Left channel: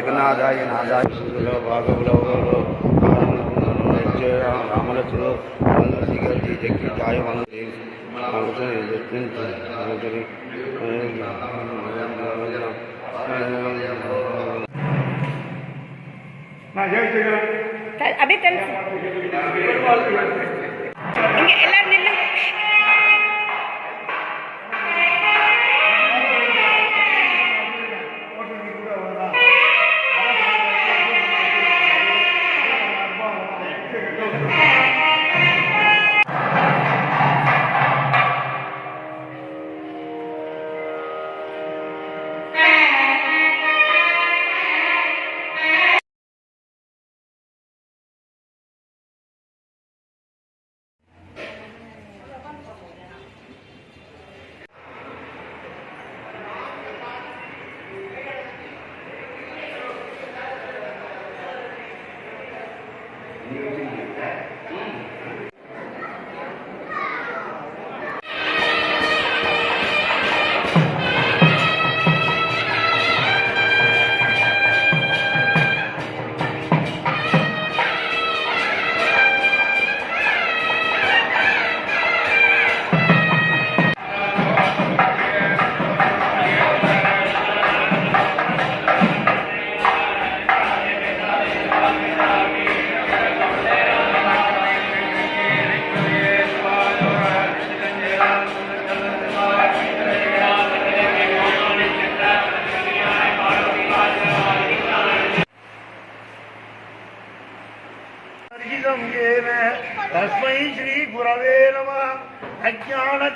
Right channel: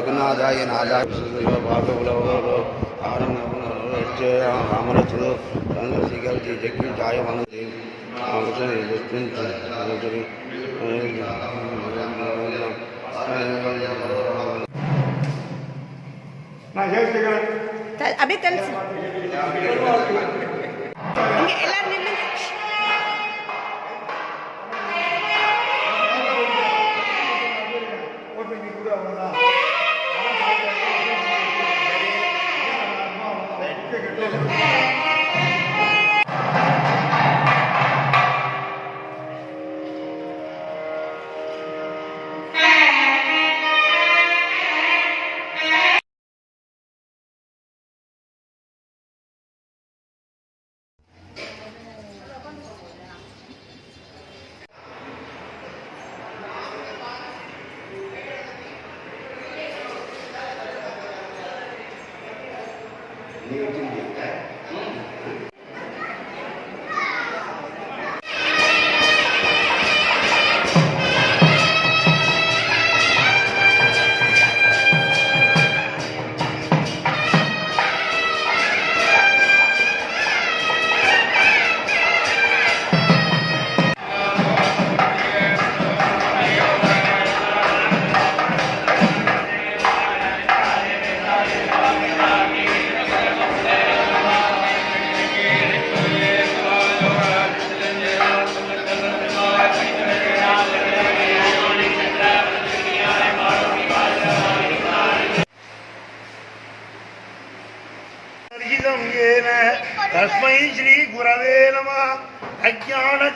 लेकिन ना जाए ना जाए రామలక్ష్మణుడు శ్రీగారి జగ్గి జాయ వనది అభి తెలుసు ఎలా నిన్న కూడా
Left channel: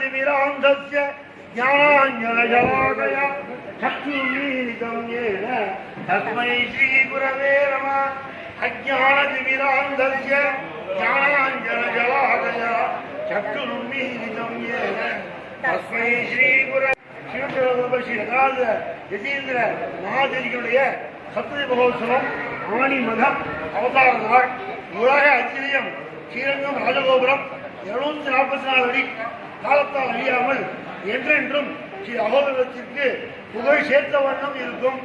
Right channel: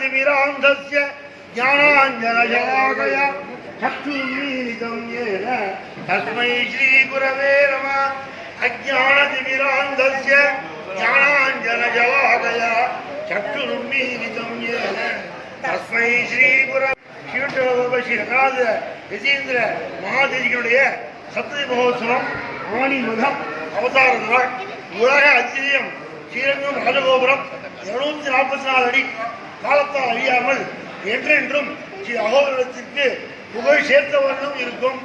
திவிராந்தஸ்ய ஞானாஞ்சனஜலாகய சக்திமீதம் ஏன. தஸ்மை ஸ்ரீ குரவே நம. அஜான திவிராந்தஸ்ய ஞானாஞ்சனஜலாகய சக்திமீதம் ஏன. தஸ்மை ஸ்ரீ குர சிவட்டோபசி ரங்கநாத யசீந்திர மகாதேவிகளுடைய சப்ததி மகோத்சவம் ஆணி மதம் அவதார உலக அதிசயம் ஸ்ரீரங்கம் ராஜகோபுரம் இருநூத்தி நாற்பத்தி நாலு அடி காலத்தால் அழியாமல் என்றென்றும் ஸ்ரீ அகோதரத்திற்கு புகழ் சேர்த்த வண்ணம் இருக்கும்.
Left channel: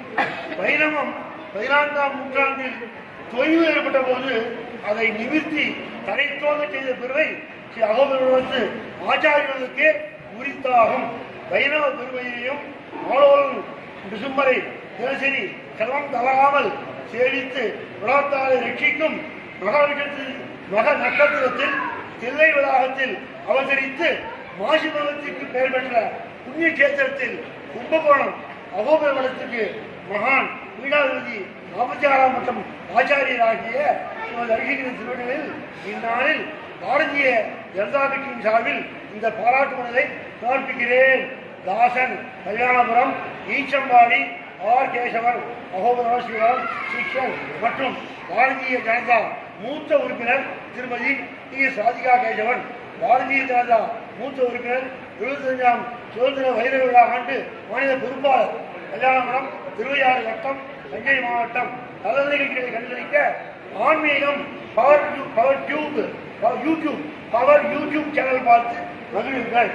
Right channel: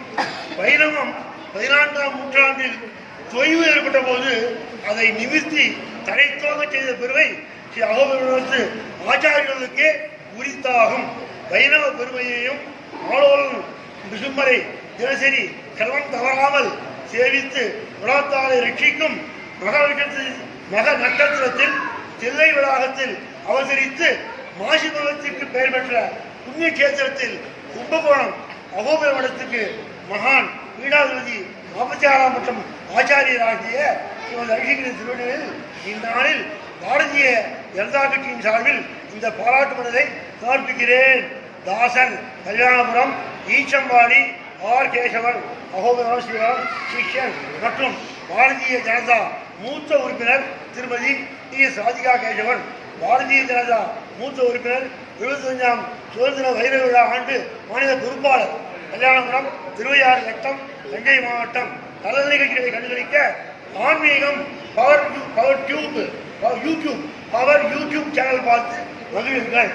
வைணவம் பதினான்காம் நூற்றாண்டில் தொய்வு ஏற்பட்ட போது அதை நிமிர்த்தி தடைத்தோங்க செய்த பெருமை ஸ்ரீ அகோதரத்து ஆச்சாரியர்களுக்கே உரித்தாகும். வைணவ பெருமையையும் ஆளோல் நிசும்பரை தினசரி செல்வம் தவறாமல் சேவித்து உலகத்தாரை ரட்சிக்கும் மகாவிஷத்து மக நட்சத்திரத்தில் தில்லை வளாகத்தில் அவதரித்து மாசிபவத்திற்கு பெயர் பெற்ற புண்ணிய கேத்திரத்தில் கும்பகோணம் அகோபுர மடத்துக்கு மகான் பீடாதிபதி நாற்பத்தி ஆறாம் மற்றும் ஆச்சாரியராகிய ஸ்ரீமதி அபிஷேகிரி திருவடிகளில் இந்நாளில் பாரதிய ஜனதா கட்சியின் சார்பில் இந்த பாராட்டு மனதை சமர்ப்பிக்கிறேன். தாசன் கல்யாணபுரம் ஈச்சம்பாடி ஆர். கேசவன் அகோபுரம் ஸ்ரீராம் சிஷ்யன் மற்றும் பாரதிய ஜனதா மூத்த உறுப்பினர் திருமதி டி. எஸ். ராதிகா கேசவன். பாரதிய ஜனதா மூத்த உறுப்பினர் எழுபத்தஞ்சாம் சுதந்திர வைர விழா ஆண்டு மாநில பொறுப்பாளர். கல்யாணபுரம் திருவையாறு வட்டம் தஞ்சை மாவட்டம். கலந்த நிகழ்ச்சிகளை கண்டுகளிக்க ஆன்மீகம் power power tube YouTube power YouTube channel பார்த்து மகிழுங்கள்.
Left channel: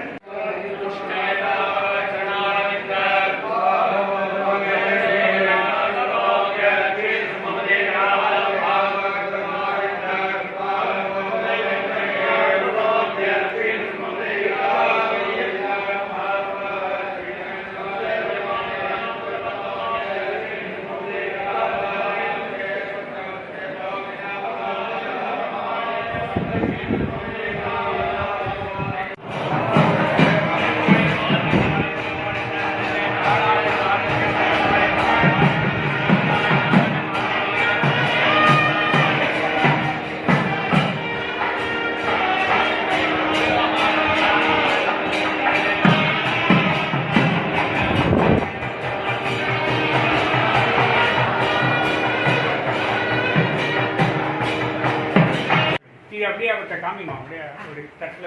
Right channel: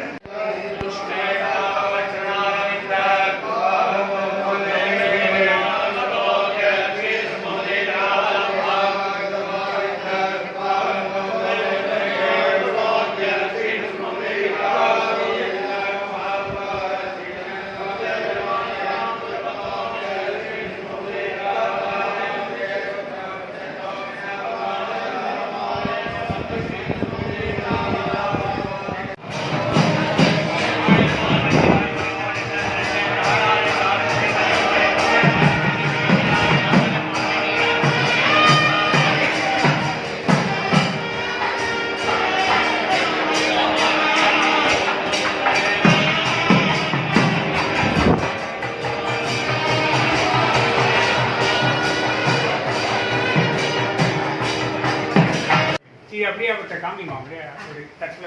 இது அப்படியே அவர்கிட்ட காமிங்க அப்படியே ஒரு தட்டில்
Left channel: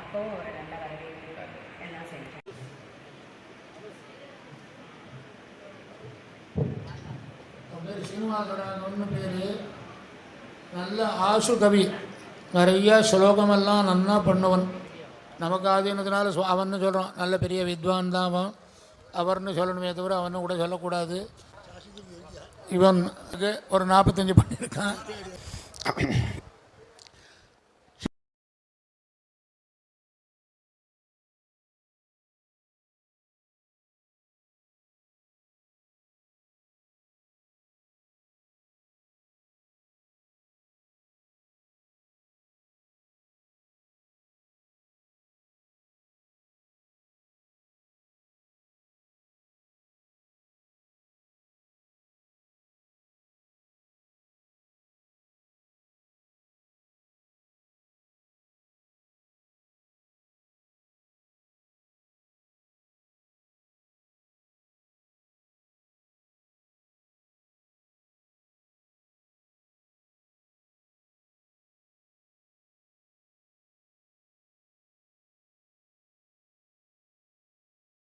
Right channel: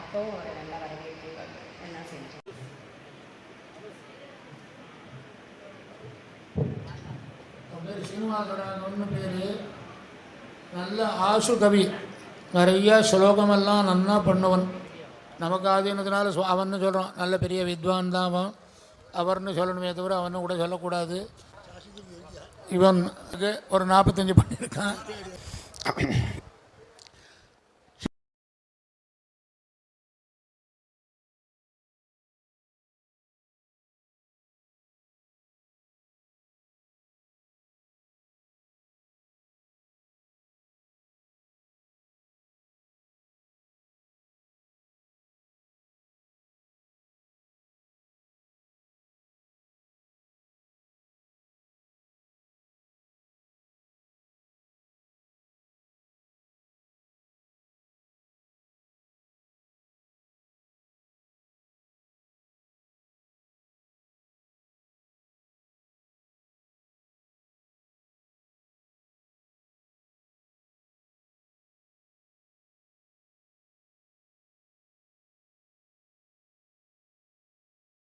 அப்பவும் ஒரு நல்ல வரவேற்பு எல்லாம் பேர். நல்ல ஆசு கவி. நிறைய ஸ்லோகமெல்லாம் நன்னா பண்ணுவன். நமக்கு ஆதீனத்தினால அவன்னு சொல்கிறோம் நல்ல பெரிய வித்வான் தான் அவன். அவர்னு சொல்லணுமே தவிர அவனு கூட சொல்லக்கூடாது. இவன் ஒரு நாற்பத்தஞ்சு பண்ணியிருக்கான்.